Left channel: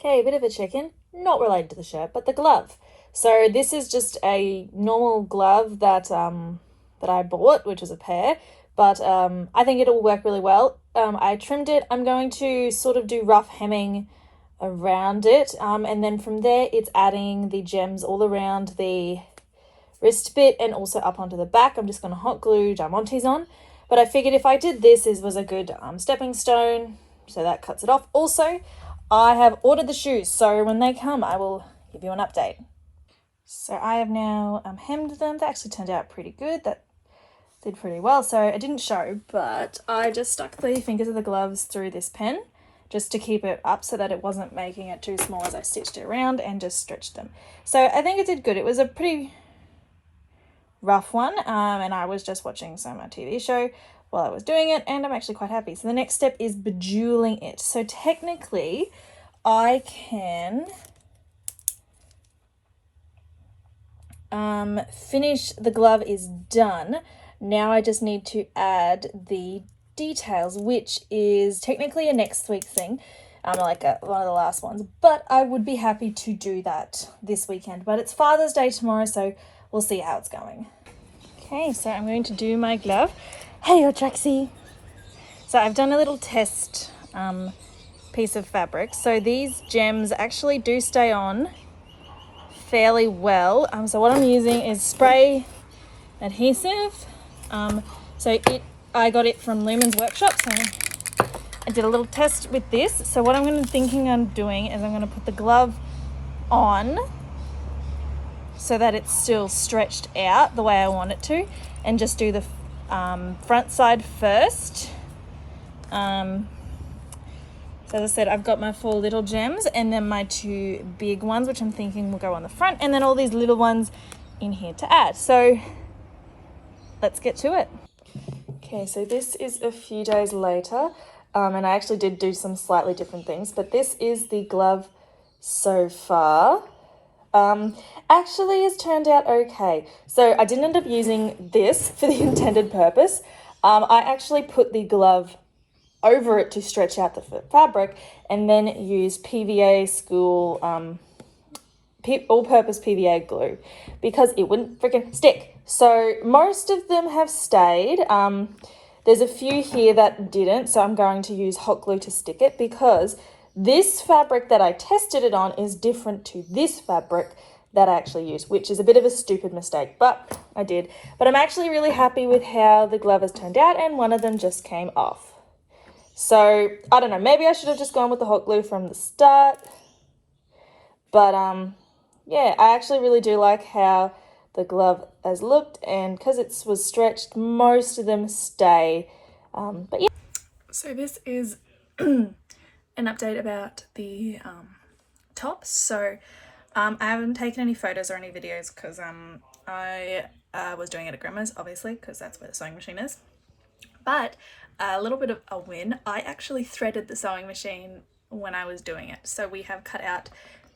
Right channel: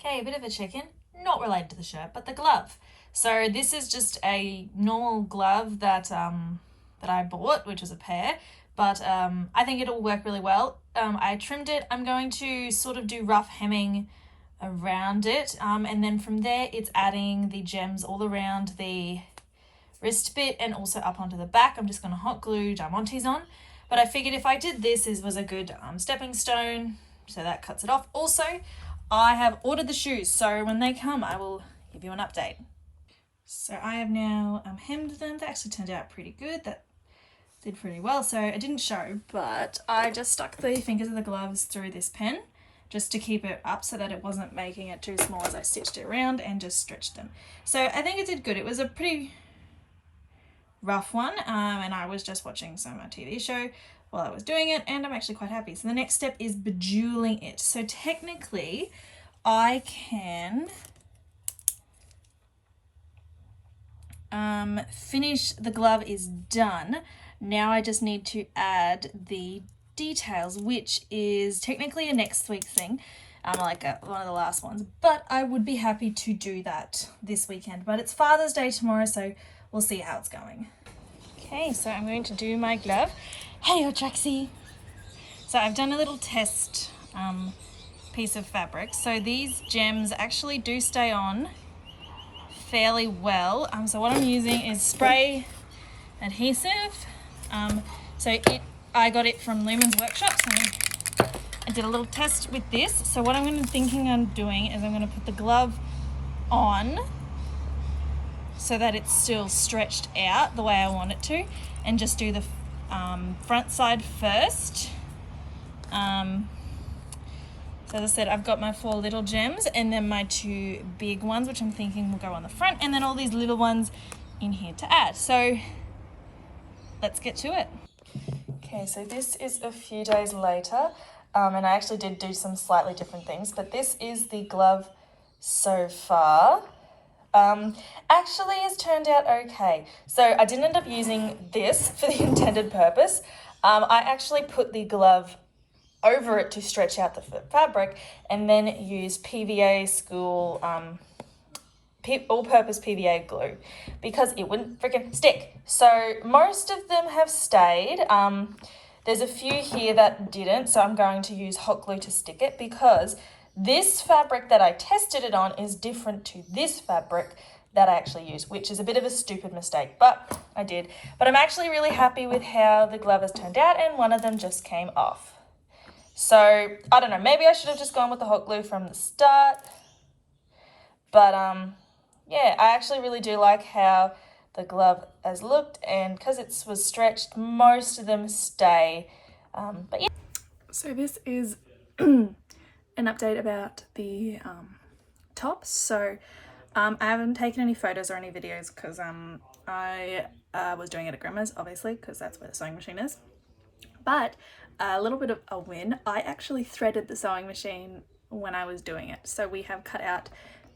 Okay, a bit of a check-in, not related to the shirt, but the glove. So this is just a normal glove that I bought, which is a pair, but I think it'll work really well. I trimmed it. I'm going to sort of do rough hemming around it, and then from there it's adding the gems all around the wrist bit and also up onto the back. I'm just going to hot glue diamantes on, but I figured if I did this, it was a good stepping stone, so that cuts it off. Also, I have ordered the shoes, so when they come I will give you an update. So I have now hemmed them. They actually turned out pretty good. That did pretty well. So I didn't show, but I just stuck the fingers of the gloves through this pen just to keep it up so that it wasn't making it too small as I stitched it around, and just stretched them. So I think it did good. It was a pretty rough one, and I was just watching some TV show while I was doing it, and I'm actually quite happy. So the next step is bejeweling it. So technically I can finish, the glove is done. Now I just need to add the details, which is technically a next week thing, like one of the last ones, but I would be happy to do that this weekend. But it's Father's Day tomorrow, so we'll see how it's going. Okay, so I'm going to do my glove. Hey, Traxie. So I've done a little test piece of fabric. So these gems actually do stay on fairly well. So what I'm using is spray adhesive. I got it from Lumen's workshop, so I did a little test with this. So what I'm thinking on doing is I'm going to put the glove on so that it's still stretched out the way I want it to, and just do the front side first. So as I said, I've got my 4 little gems and then my 2 big ones, which I'm thinking will go on the front, and then all these little ones in here to add. So let's get to it. Okay, so this is a few days later, and I actually did do some slightly different things, but this is the glove so far. Actually has turned out okay. So I didn't end up using this for the intended purpose. I actually put the glove over it to stretch out the fabric, and then use PVA school all-purpose PVA glue because it wouldn't freaking stick. So most of them have stayed. There's a few here that didn't, so I'm going to use hot glue to stick it, because this fabric that I tested it on is different to this fabric that I actually used, which is a bit of a stupid mistake, but I did. But I'm actually really happy with how the glove has turned out, and one of them just came off. So I don't know, maybe I should have just gone with the hot glue from the start. But yeah, I actually really do like how the glove has looked, and because it was stretched, most of them stay. But yeah. So this is an update about the top. So I haven't taken any photos or any videos because I was doing it at Grandma's, obviously, because that's where the sewing machine is. But a little bit of a win, I actually threaded the sewing machine when I was doing it. So we have cut out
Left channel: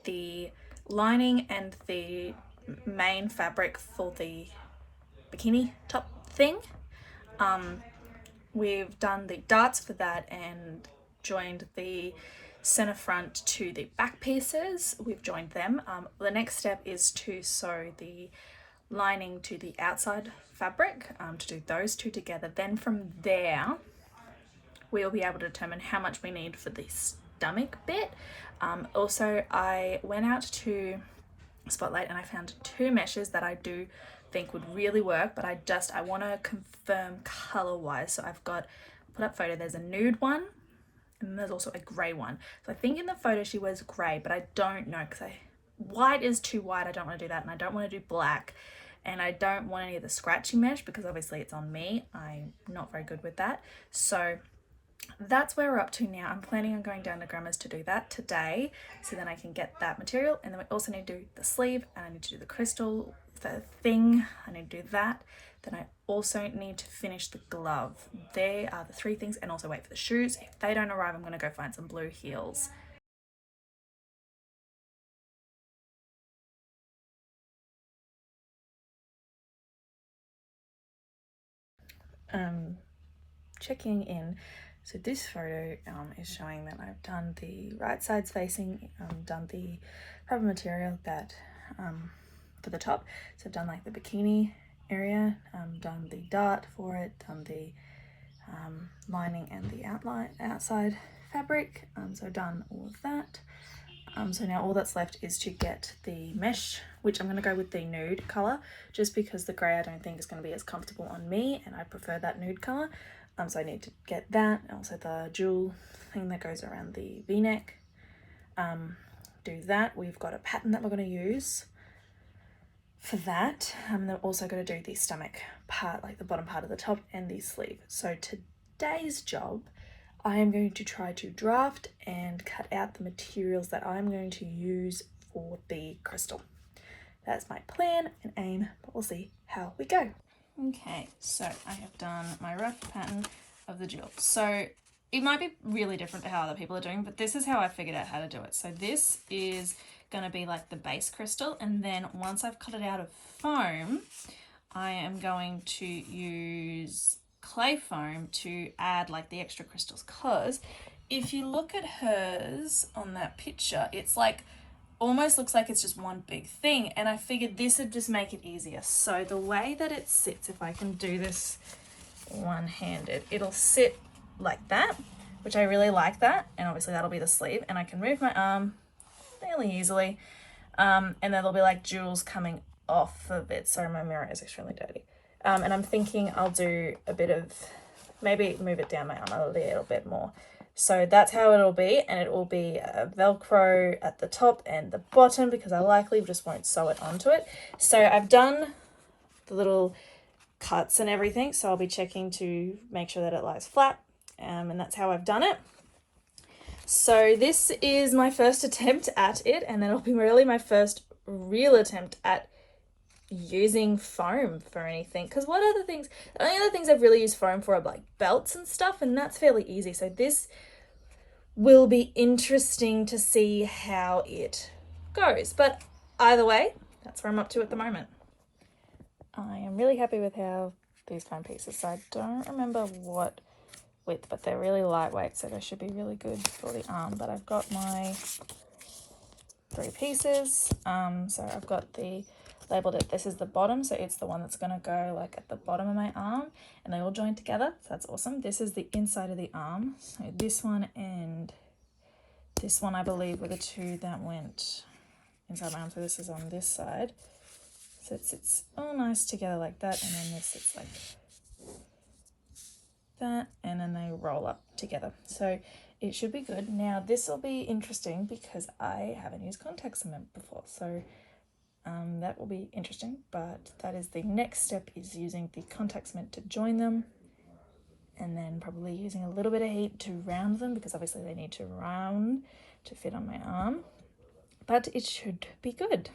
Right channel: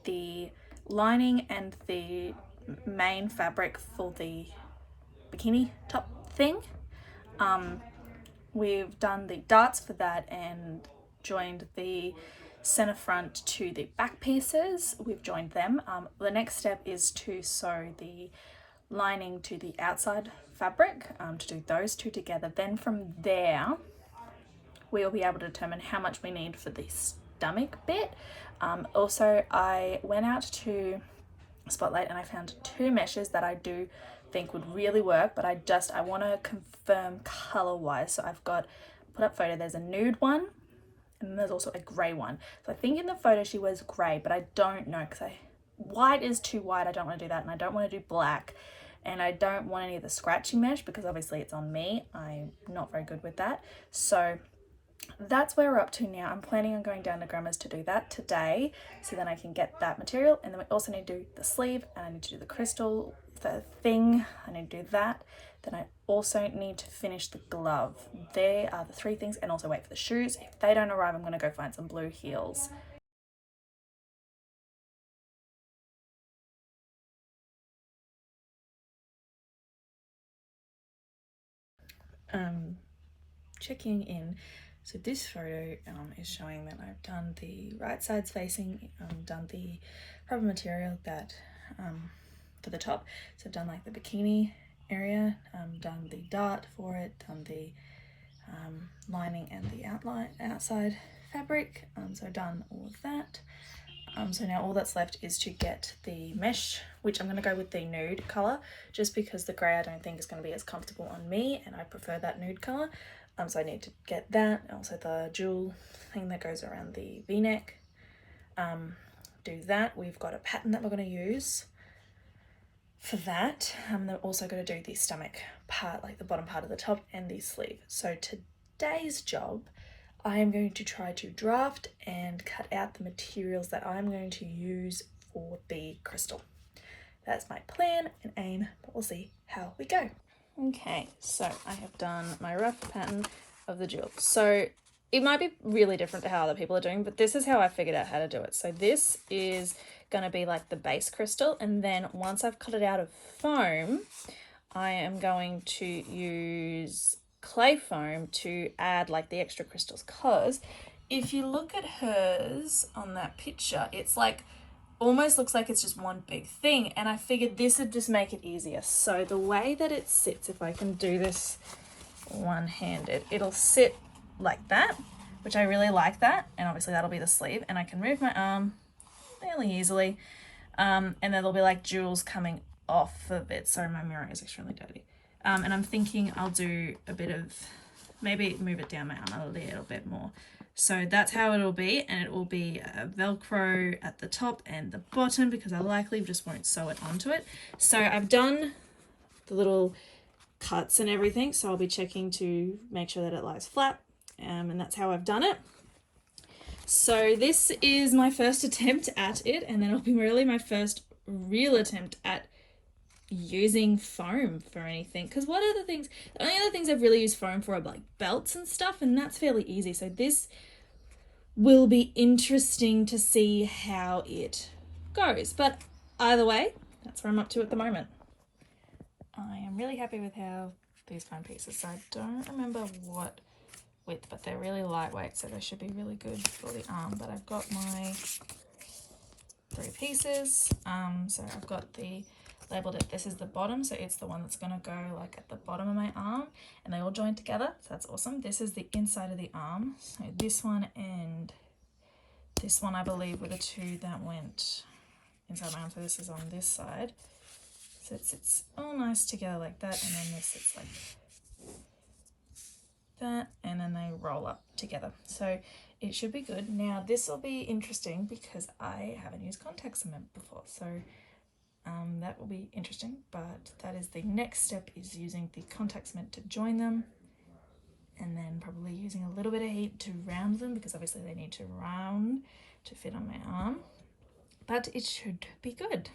the lining and the main fabric for the bikini top thing. We've done the darts for that and joined the center front to the back pieces. We've joined them. The next step is to sew the lining to the outside fabric, to do those two together. Then from there we'll be able to determine how much we need for the stomach bit. Also, I went out to Spotlight and I found 2 meshes that I do think would really work, but I want to confirm color wise. So I've got put up photo, there's a nude one and there's also a gray one. So I think in the photo she wears gray, but I don't know because white is too white. I don't want to do that, and I don't want to do black, and I don't want any of the scratchy mesh because obviously it's on me. I'm not very good with that. So that's where we're up to now. I'm planning on going down to Grandma's to do that today, so then I can get that material. And then we also need to do the sleeve, and I need to do the crystal thing. I need to do that. Then I also need to finish the glove. There are the 3 things, and also wait for the shoes. If they don't arrive, I'm going to go find some blue heels. Checking in. So this photo is showing that I've done the right sides facing, done the proper material that for the top. So I've done like the bikini area, done the dart for it, done the lining and the outside fabric. So I've done all of that. So now all that's left is to get the mesh, which I'm going to go with the nude colour, just because the grey I don't think is going to be as comfortable on me, and I prefer that nude colour. So I need to get that. Also the jewel thing that goes around the v-neck. Do that. We've got a pattern that we're going to use for that. They're also going to do the stomach part, like the bottom part of the top, and the sleeve. So today's job, I am going to try to draft and cut out the materials that I'm going to use for the crystal. That's my plan and aim, but we'll see how we go. Okay, so I have done my rough pattern of the jewel. So it might be really different to how other people are doing, but this is how I figured out how to do it. So this is going to be like the base crystal, and then once I've cut it out of foam, I am going to use clay foam to add like the extra crystals, because if you look at hers on that picture, it's like almost looks like it's just one big thing, and I figured this would just make it easier. So the way that it sits, if I can do this one-handed, it'll sit like that, which I really like that, and obviously that'll be the sleeve, and I can move my arm fairly easily, and then there'll be like jewels coming off of it. Sorry, my mirror is extremely dirty. And I'm thinking I'll do a bit of, maybe move it down my arm a little bit more. So that's how it'll be, and it will be a Velcro at the top and the bottom, because I likely just won't sew it onto it. So I've done the little cuts and everything, so I'll be checking to make sure that it lies flat, and that's how I've done it. So this is my first attempt at it, and then it'll be really my first real attempt at using foam for anything, because what other things, the only other things I've really used foam for are like belts and stuff, and that's fairly easy. So this will be interesting to see how it goes, but either way, that's where I'm up to at the moment. I am really happy with how these foam pieces, so I don't remember what width, but they're really lightweight, so they should be really good for the arm. But I've got my 3 pieces, so I've got the labeled it, this is the bottom, so it's the one that's going to go like at the bottom of my arm, and they all join together, so that's awesome. This is the inside of the arm, so this one and this one I believe were the 2 that went inside my arm, so this is on this side, so it sits all nice together like that, and then this sits like that, and then they roll up together, so it should be good. Now this will be interesting because I haven't used contact cement before, so that will be interesting, but that is the next step, is using the contact cement to join them, and then probably using a little bit of heat to round them, because obviously they need to round to fit on my arm, but it should be good.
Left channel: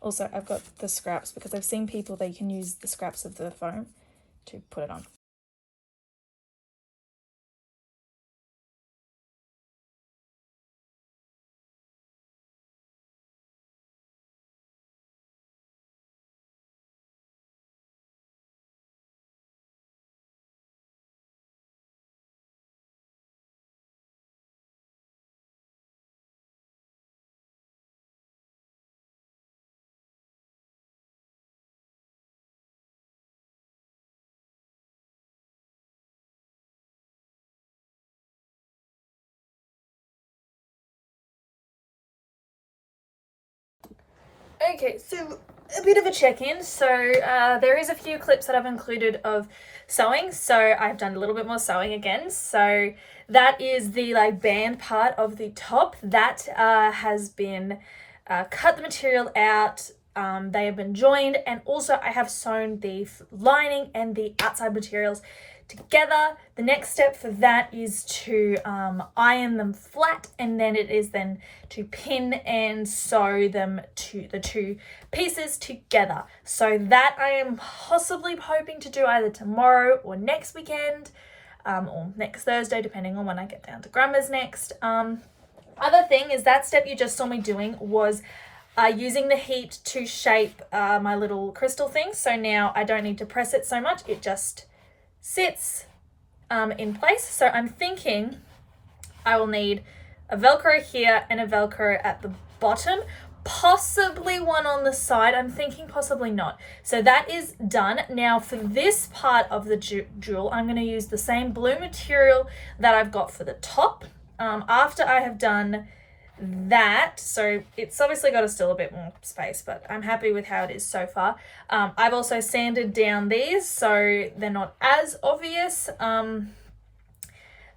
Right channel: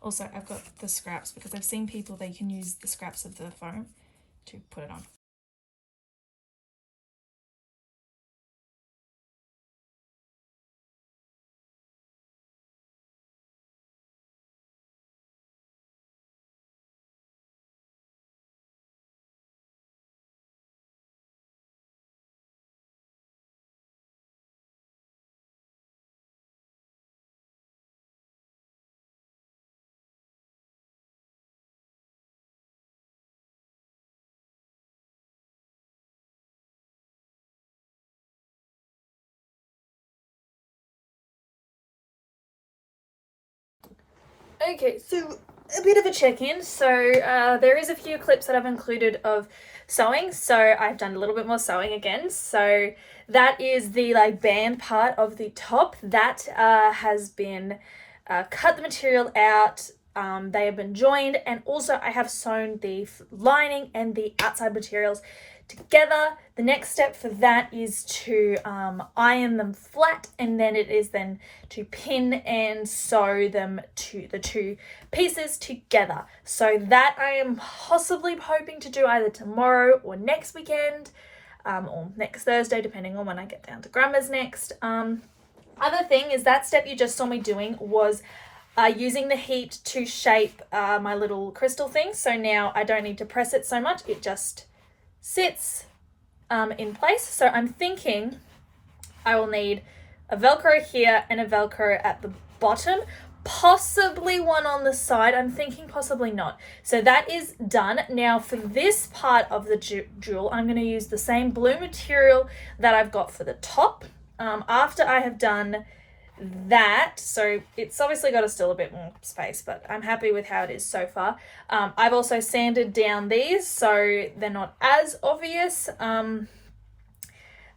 Also, I've got the scraps, because I've seen people, they can use the scraps of the foam to put it on. Okay, so a bit of a check-in. So there is a few clips that I've included of sewing, so I've done a little bit more sewing again. So that is the like band part of the top that has been cut the material out. They have been joined, and also I have sewn the lining and the outside materials together. The next step for that is to iron them flat, and then it is then to pin and sew them to the 2 pieces together. So that I am possibly hoping to do either tomorrow or next weekend, or next Thursday, depending on when I get down to Grandma's next. Other thing is that step you just saw me doing was using the heat to shape my little crystal thing. So now I don't need to press it so much, it just sits in place. So I'm thinking I will need a Velcro here and a Velcro at the bottom, possibly one on the side. I'm thinking possibly not. So that is done. Now for this part of the jewel, I'm going to use the same blue material that I've got for the top. After I have done that, so it's obviously got still a bit more space, but I'm happy with how it is so far. I've also sanded down these so they're not as obvious.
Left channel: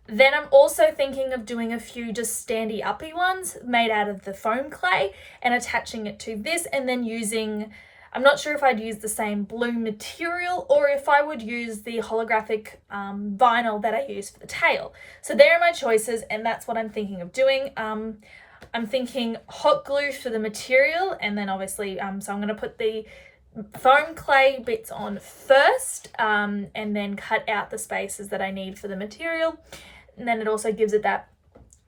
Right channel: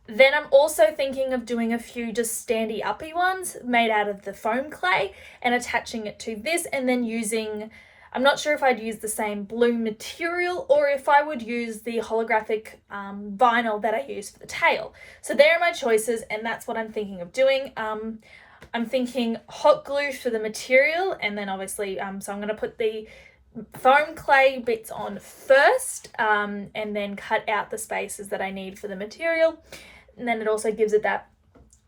Then I'm also thinking of doing a few just standy uppy ones made out of the foam clay and attaching it to this, and then using, I'm not sure if I'd use the same blue material or if I would use the holographic vinyl that I use for the tail. So there are my choices, and that's what I'm thinking of doing. I'm thinking hot glue for the material, and then obviously, so I'm going to put the foam clay bits on first, and then cut out the spaces that I need for the material. And then it also gives it that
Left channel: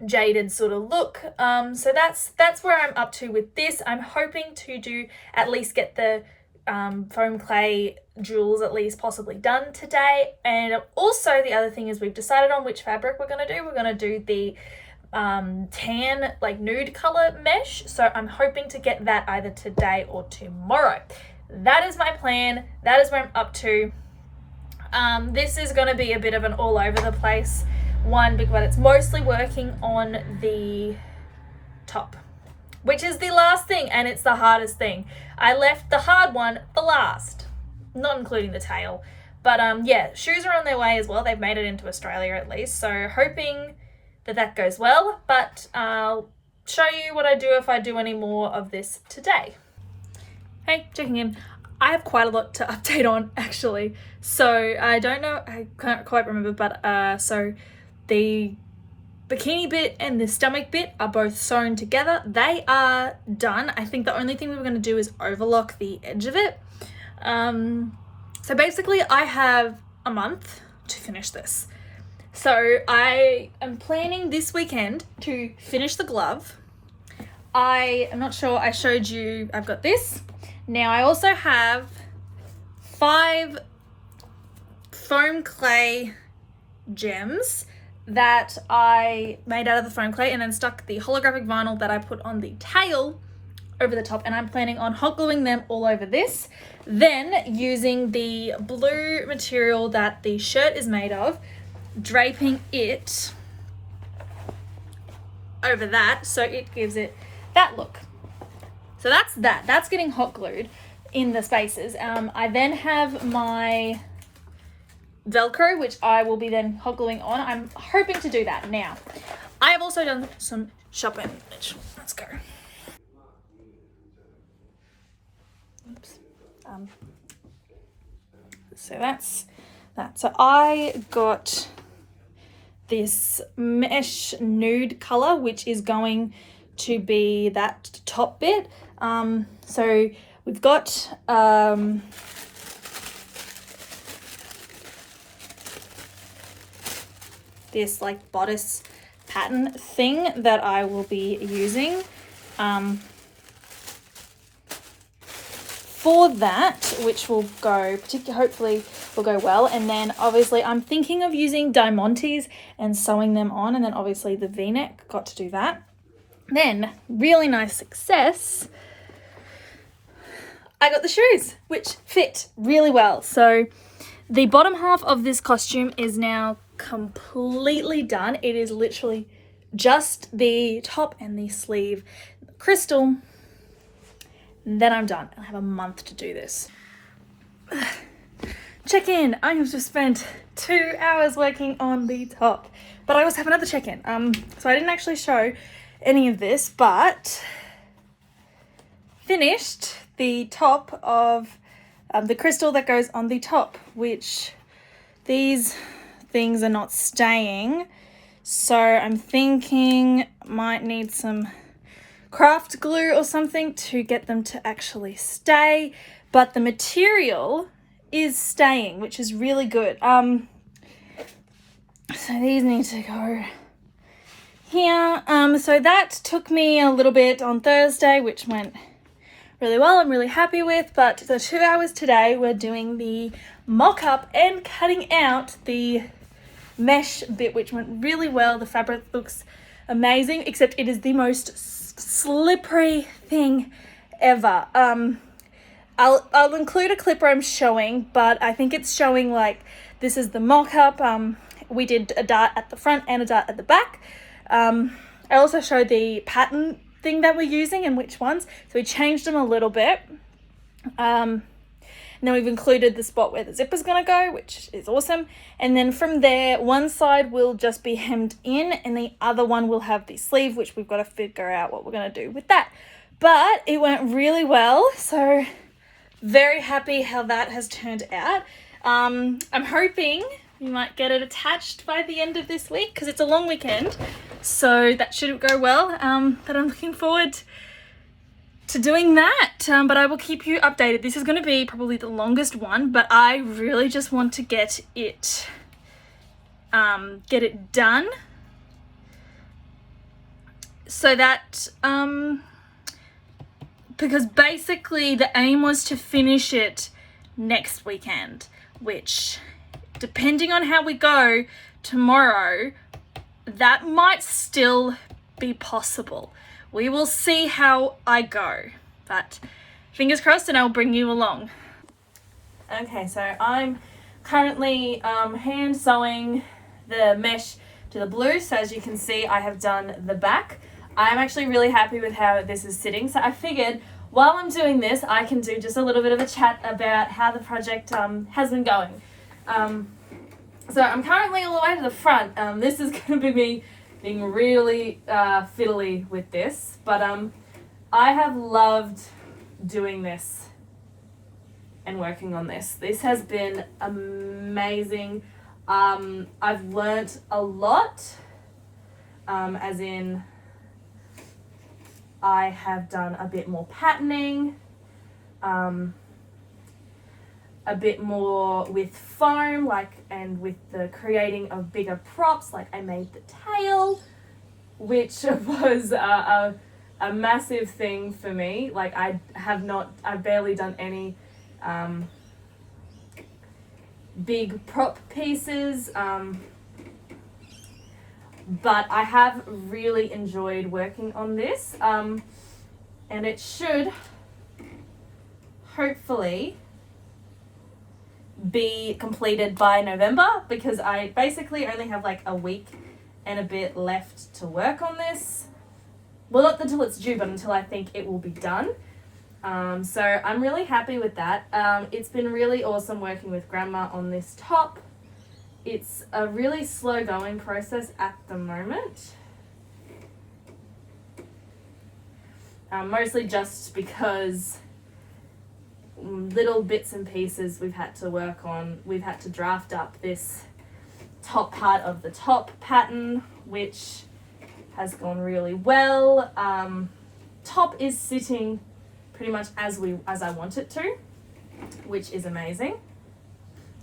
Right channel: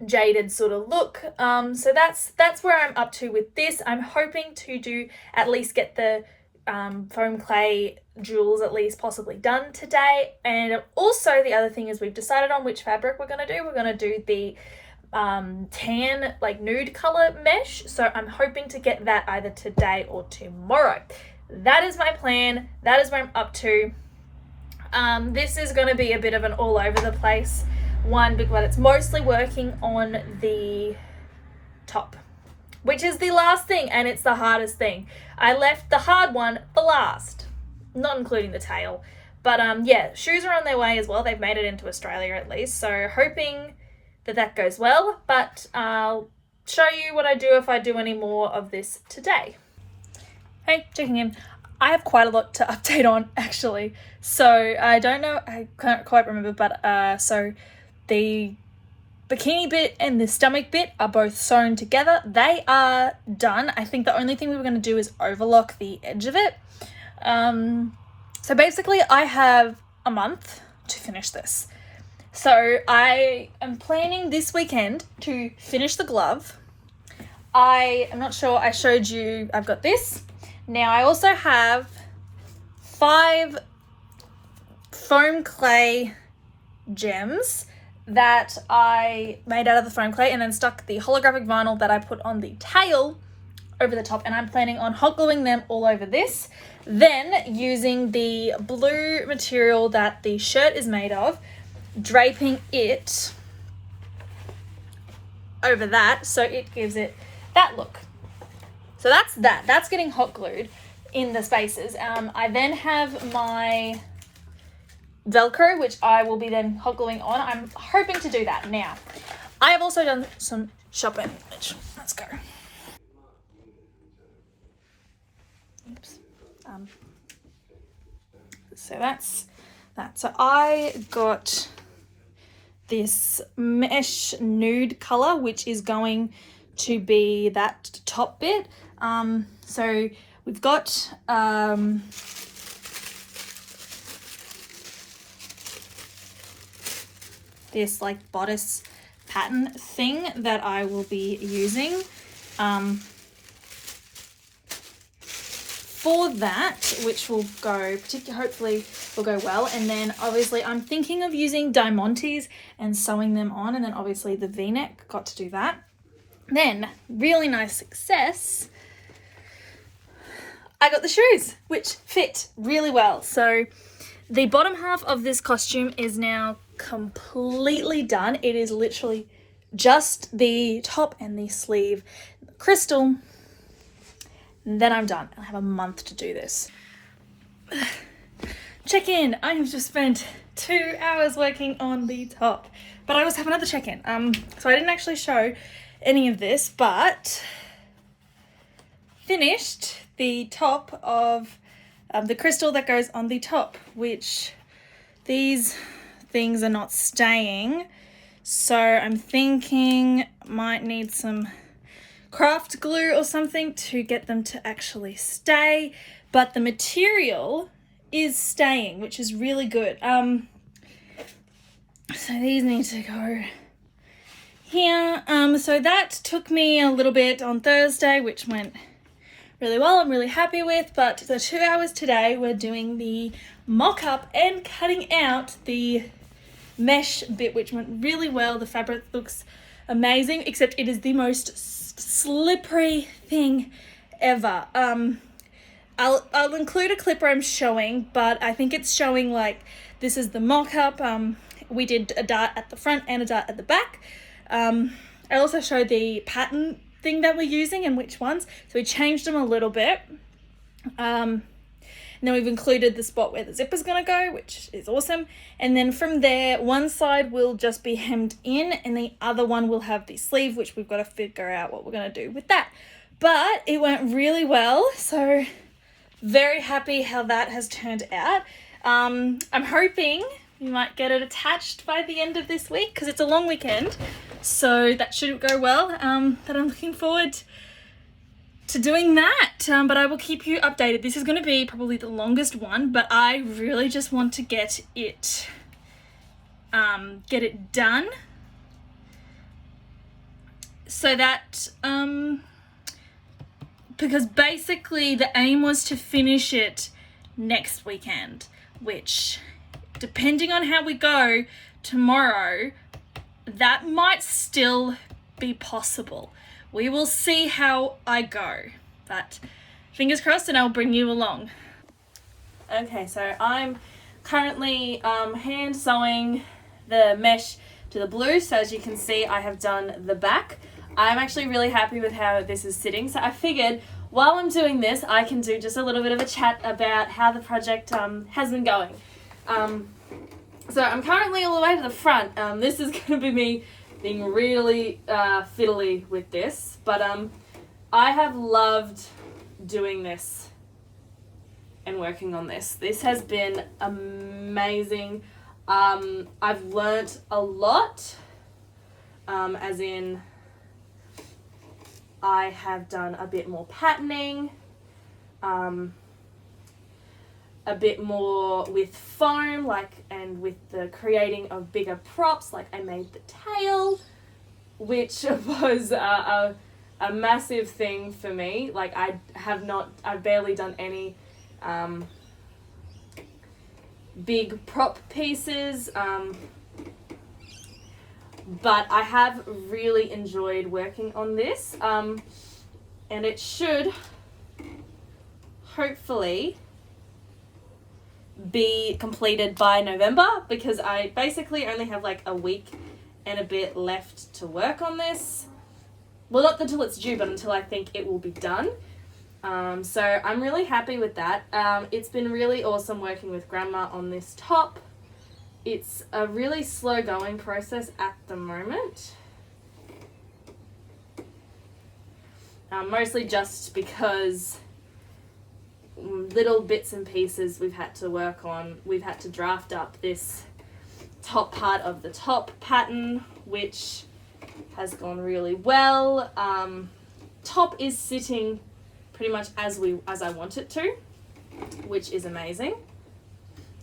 jaded sort of look. So that's where I'm up to with this. I'm hoping to do at least get the foam clay jewels at least possibly done today. And also the other thing is we've decided on which fabric we're going to do. We're going to do the tan, like nude color mesh. So I'm hoping to get that either today or tomorrow. That is my plan. That is where I'm up to. This is going to be a bit of an all over the place one, but it's mostly working on the top, which is the last thing, and it's the hardest thing. I left the hard one for last, not including the tail. But yeah, shoes are on their way as well. They've made it into Australia at least, so hoping that goes well. But I'll show you what I do if I do any more of this today. Hey, checking in. I have quite a lot to update on actually. So I don't know, I can't quite remember, but so the bikini bit and the stomach bit are both sewn together. They are done. I think the only thing we were going to do is overlock the edge of it. So basically I have a month to finish this. So I am planning this weekend to finish the glove. I am not sure, I showed you, I've got this. Now I also have 5 foam clay gems that I made out of the foam clay and then stuck the holographic vinyl that I put on the tail over the top, and I'm planning on hot gluing them all over this. Then using the blue material that the shirt is made of, draping it over that so it gives it that look. So that's getting hot glued in the spaces. I then have my Velcro, which I will be then hot gluing on. I'm hoping to do that now. I have also done some shopping. Let's go. Oops. So that's that. So I got this mesh nude color, which is going to be that top bit. So we've got this like bodice pattern thing that I will be using for that, which will go hopefully will go well. And then obviously I'm thinking of using diamantes and sewing them on, and then obviously the v-neck, got to do that. Then really nice success, I got the shoes, which fit really well. So the bottom half of this costume is now completely done. It is literally just the top and the sleeve crystal. Then I'm done. I have a month to do this. Check-in. I have just spent 2 hours working on the top, but I also have another check-in. So I didn't actually show any of this, but finished the top of the crystal that goes on the top, which these things are not staying. So I'm thinking might need some craft glue or something to get them to actually stay, but the material is staying, which is really good. So these need to go here. So that took me a little bit on Thursday, which went really well. I'm really happy with, but the 2 hours today we're doing the mock-up and cutting out the mesh bit, which went really well. The fabric looks amazing, except it is the most slippery thing ever. I'll include a clip where I'm showing, but I think it's showing like this is the mock-up. We did a dart at the front and a dart at the back. I also showed the pattern thing that we're using and which ones, so we changed them a little bit. And then we've included the spot where the zipper's gonna go, which is awesome. And then from there, one side will just be hemmed in and the other one will have the sleeve, which we've got to figure out what we're gonna do with that. But it went really well, so very happy how that has turned out. I'm hoping we might get it attached by the end of this week because it's a long weekend, so that should go well. But I'm looking forward to doing that, but I will keep you updated. This is going to be probably the longest one, but I really just want to get it done so that because basically the aim was to finish it next weekend, which, depending on how we go tomorrow, that might still be possible. We will see how I go, but fingers crossed, and I'll bring you along. Okay, so I'm currently hand sewing the mesh to the blue. So as you can see, I have done the back. I'm actually really happy with how this is sitting. So I figured while I'm doing this, I can do just a little bit of a chat about how the project has been going. So I'm currently all the way to the front. This is going to be me being really fiddly with this, but I have loved doing this and working on this. This has been amazing. I've learnt a lot, as in I have done a bit more patterning, a bit more with foam, and with the creating of bigger props. Like I made the tail, which was a massive thing for me. Like I've barely done any big prop pieces, but I have really enjoyed working on this, and it should hopefully be completed by November, because I basically only have like a week and a bit left to work on this. Well, not until it's due, but until I think it will be done. So I'm really happy with that. It's been really awesome working with Grandma on this top. It's a really slow going process at the moment. Mostly just because little bits and pieces we've had to work on. We've had to draft up this top part of the top pattern, which has gone really well. Top is sitting pretty much as I want it to, which is amazing.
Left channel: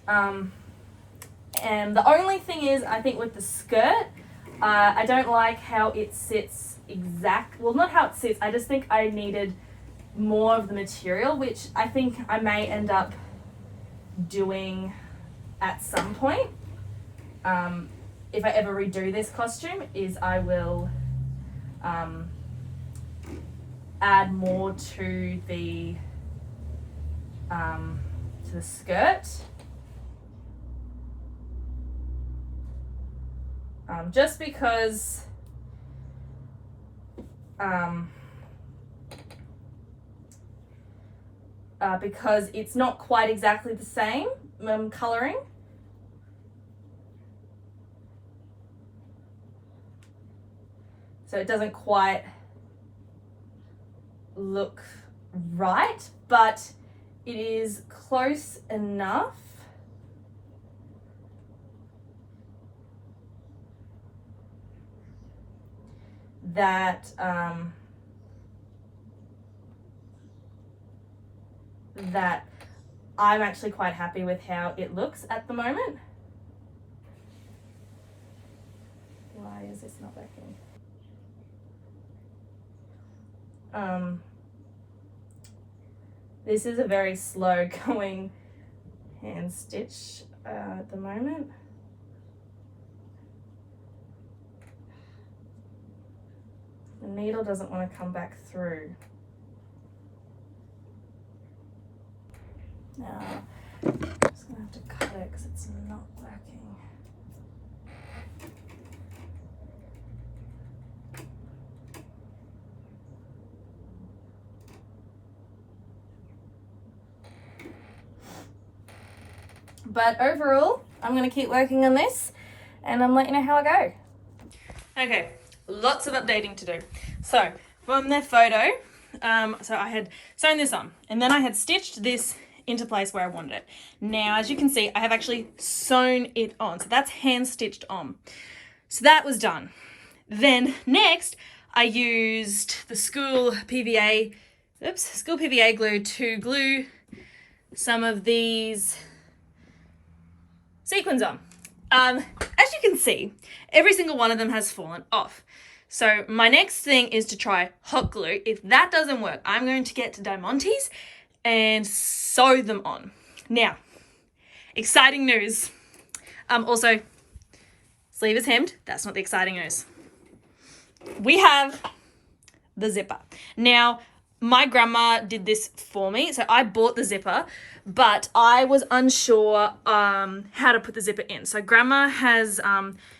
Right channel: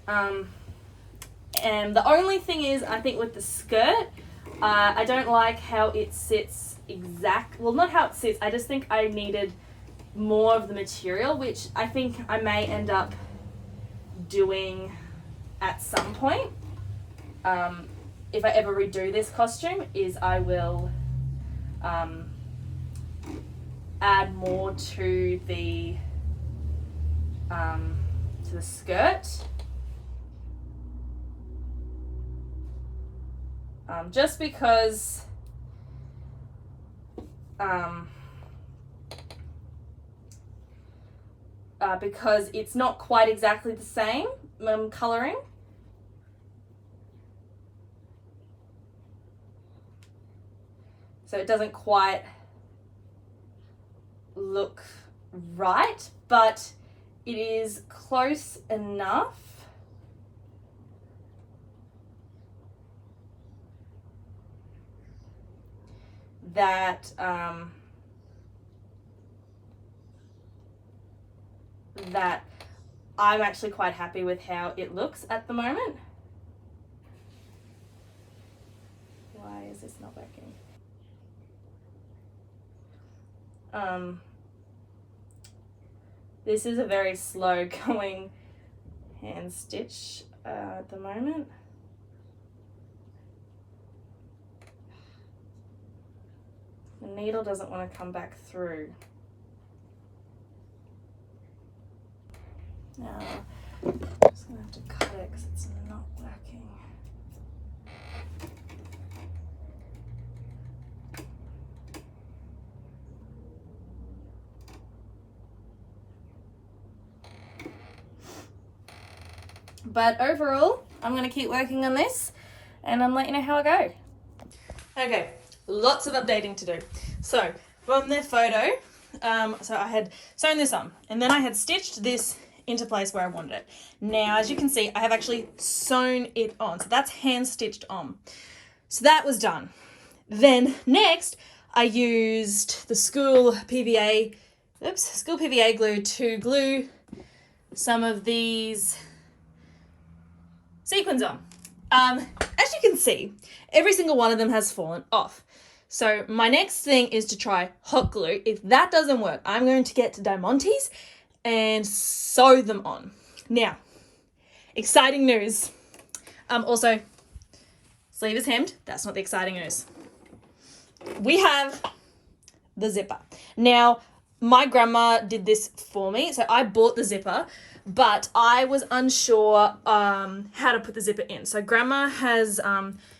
And the only thing is, I think with the skirt, I don't like how it sits well, not how it sits, I just think I needed more of the material, which I think I may end up doing at some point. If I ever redo this costume, is I will add more to the skirt, just because it's not quite exactly the same colouring. So it doesn't quite look right, but it is close enough that that I'm actually quite happy with how it looks at the moment. Why is this not working? This is a very slow going hand stitch at the moment. needle doesn't want to come back through. Now, I'm just going to have to cut it because it's not working. But overall, I'm going to keep working on this and I'm letting you know how I go. Okay, lots of updating to do. So from their photo, so I had sewn this on and then I had stitched this into place where I wanted it. Now, as you can see, I have actually sewn it on. So that's hand stitched on. So that was done. Then next, I used the school PVA glue to glue some of these sequins on. As you can see, every single one of them has fallen off. So my next thing is to try hot glue. If that doesn't work, I'm going to get to Diamante's and sew them on. Now, exciting news. Also, sleeve is hemmed. That's not the exciting news. We have the zipper. Now, my grandma did this for me. So I bought the zipper, but I was unsure how to put the zipper in. So grandma has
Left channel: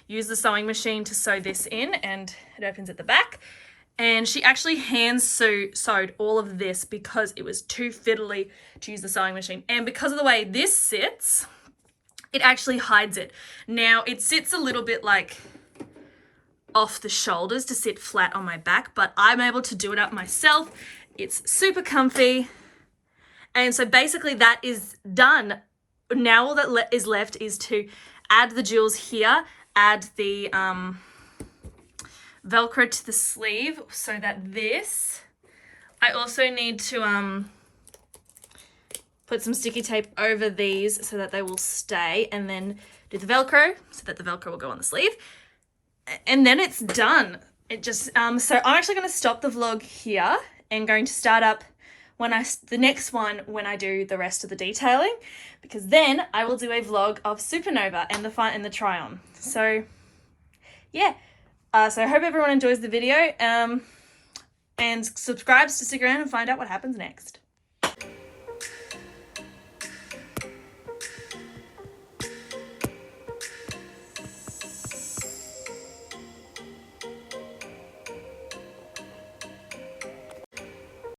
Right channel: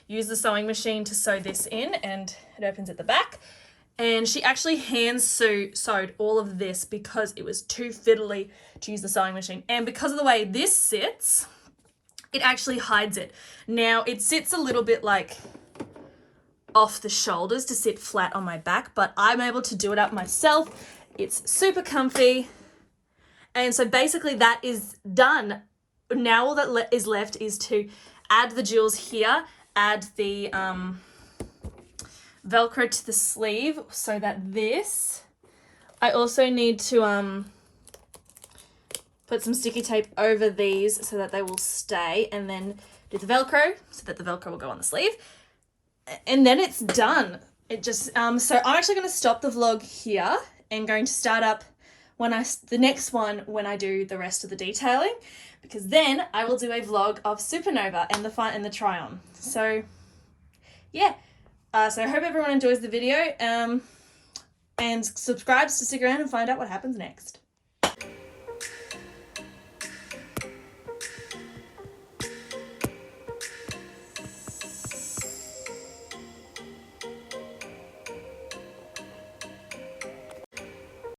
used the sewing machine to sew this in, and it opens at the back. And she actually hand sewed all of this because it was too fiddly to use the sewing machine. And because of the way this sits, it actually hides it. Now, it sits a little bit like off the shoulders to sit flat on my back, but I'm able to do it up myself. It's super comfy. And so basically that is done. Now all that is left is to add the jewels here, add the Velcro to the sleeve so that this, I also need to put some sticky tape over these so that they will stay, and then do the Velcro so that the Velcro will go on the sleeve. And then it's done. It just, so I'm actually going to stop the vlog here and going to start up the next one when I do the rest of the detailing, because then I will do a vlog of Supernova and the try on. So yeah. So I hope everyone enjoys the video and subscribes to stick around and find out what happens next.